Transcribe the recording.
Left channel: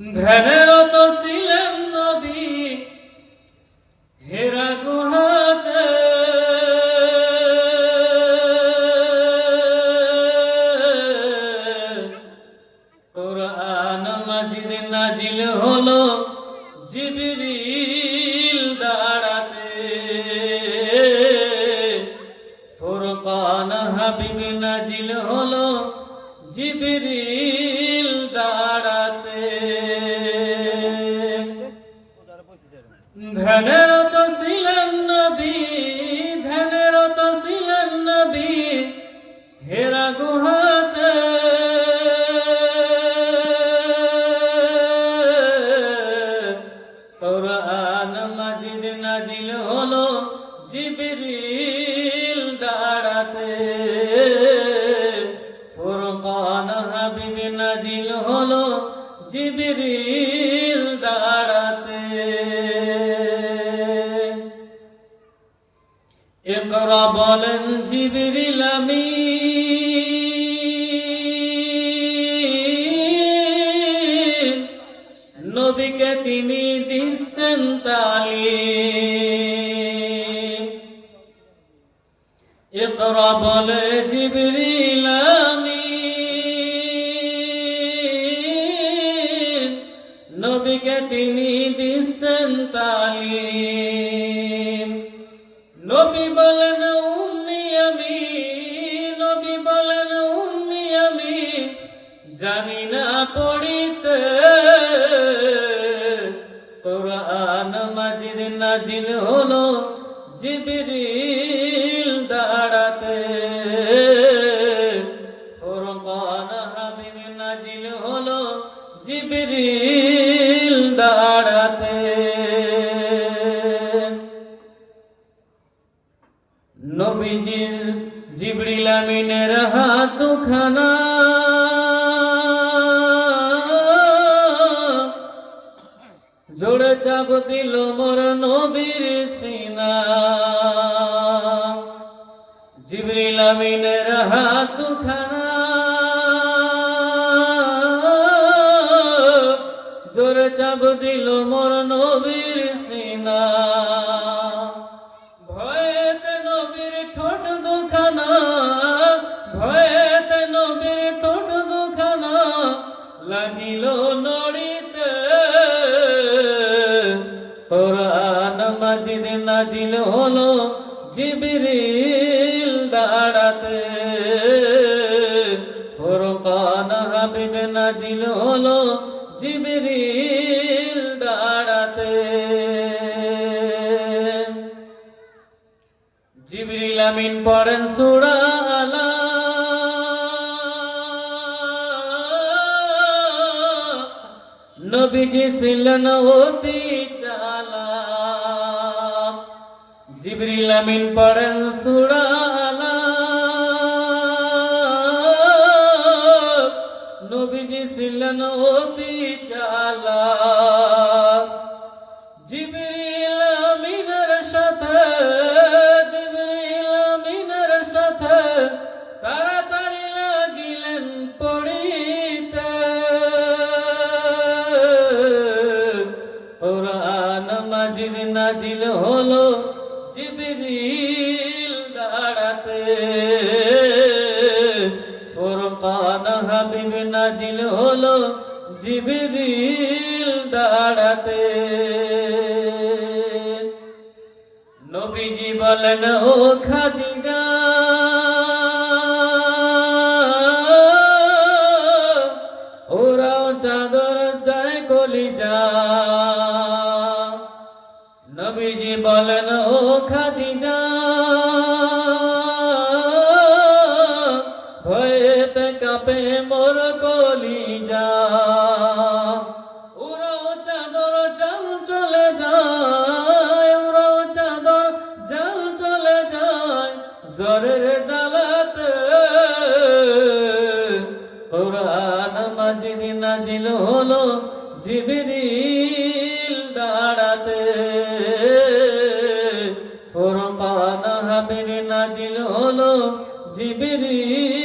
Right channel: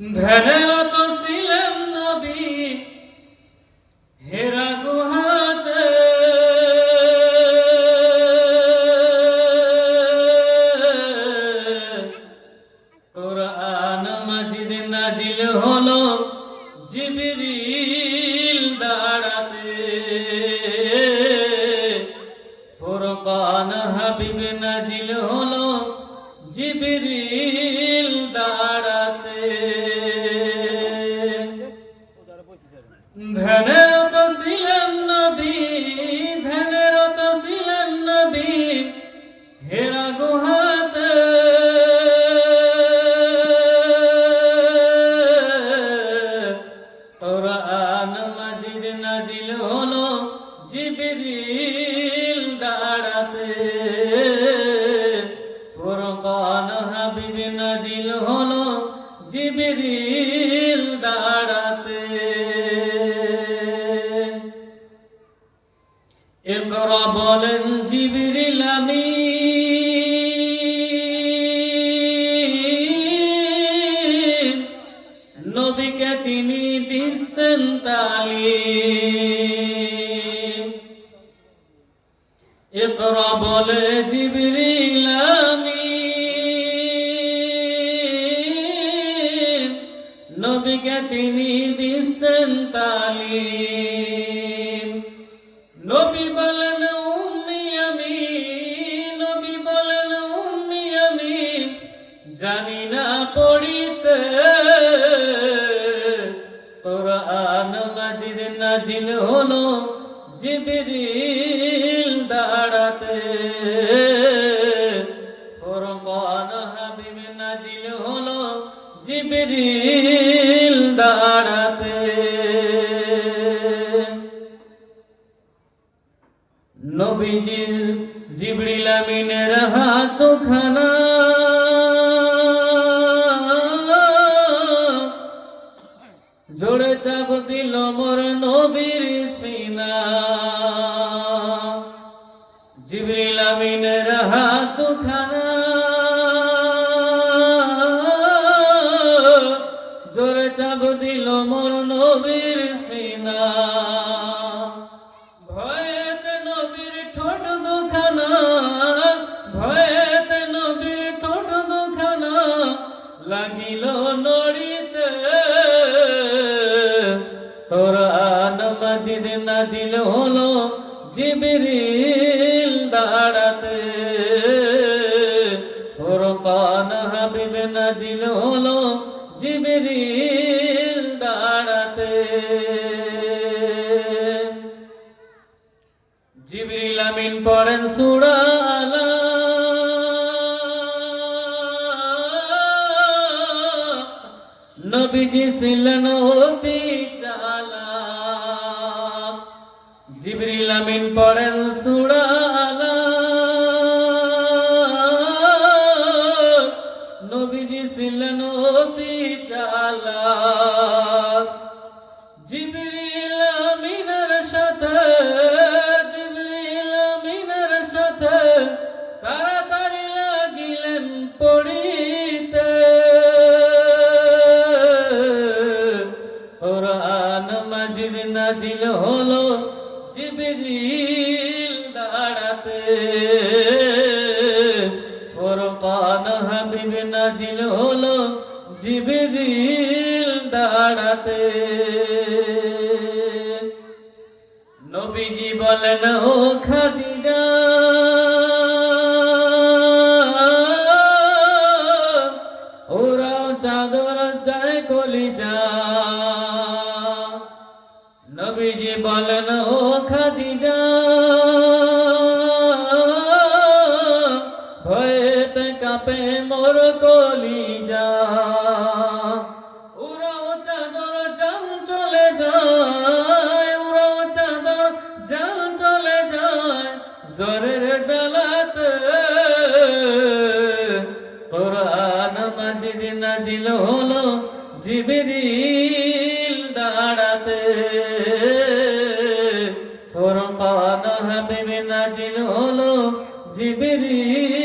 ধ্যানরত ছিলেন নবী হেরা গুহাতে, কোরআন মাজিদ নাজিল হলো জিবরিল দাঁড়াতে, ফুরকান হাবিব নাজিল হলো জিবরিল দাঁড়াতে। ধ্যানরত ছিলেন নবী, ধ্যানরত ছিলেন নবী হেরা গুহাতে, কোরআন মাজিদ নাজিল হলো জিবরিল দাঁড়াতে, ফুরকান হাবিব নাজিল হলো জিবরিল দাঁড়াতে। ইকরা বলেন জিবরিল আমিন, নবীকে তিনি দিচ্ছেন তালিম। ইকরা বলে জিবরিল আমিন, নবীকে তিনি দিচ্ছেন তালিম। নবী বলেন উম্মি আমি, নবী বলেন উম্মি আমি জানি না পড়িতে, কোরআন মাজিদ নাজিল হলো জিবরিল দাঁড়াতে, ফুরকান হাবিব নাজিল হলো জিবরিল দাঁড়াতে। নবীজির জিবরিল আমিনের হাত দুখানা, জোরে চাপ দিল মোর নবীর সিনা। জিবরিল আমিনের হাত দুখানা, জোরে চাপ দিল মোর নবীর সিনা। ভয়েতে নবীর ঠোঁট দুখানা, ভয়েতে নবীর ঠোঁট দুখানা লাগিল নড়িতে, কোরআন মাজিদ নাজিল হলো জিবরিল দাঁড়াতে, ফুরকান হাবিব নাজিল হলো জিবরিল দাঁড়াতে। জিবরিল আমিন পড়েন সূরা আলা, নবীজি ছিলেন অতি চালাক। জিবরিল আমিন পড়েন সূরা আলা, নবীজি ছিলেন অতি চালাক। জিবরিল আমিনের সাথে, জিবরিল আমিনের সাথে তাড়াতাড়ি লাগিলেন পড়িতে, কোরআন মাজিদ নাজিল হলো জিবরিল দাঁড়াতে, ফুরকান হাবিব নাজিল হলো জিবরিল দাঁড়াতে। নবীজি বলেন ও খাদিজা, ওরাও চাদর যায় কলিজা। নবীজি বলেন ও খাদিজা, ভয়েতে কাঁপে মোর কলিজা। উড়াও চাদর জাল চলে যায়, উড়াও চাদর জাল চলে যায় জ্বরের জ্বালাতে, কোরআন মাজিদ নাজিল হলো জিবরিল দাঁড়াতে, ফুরকান হাবিব নাজিল হলো জিবরিল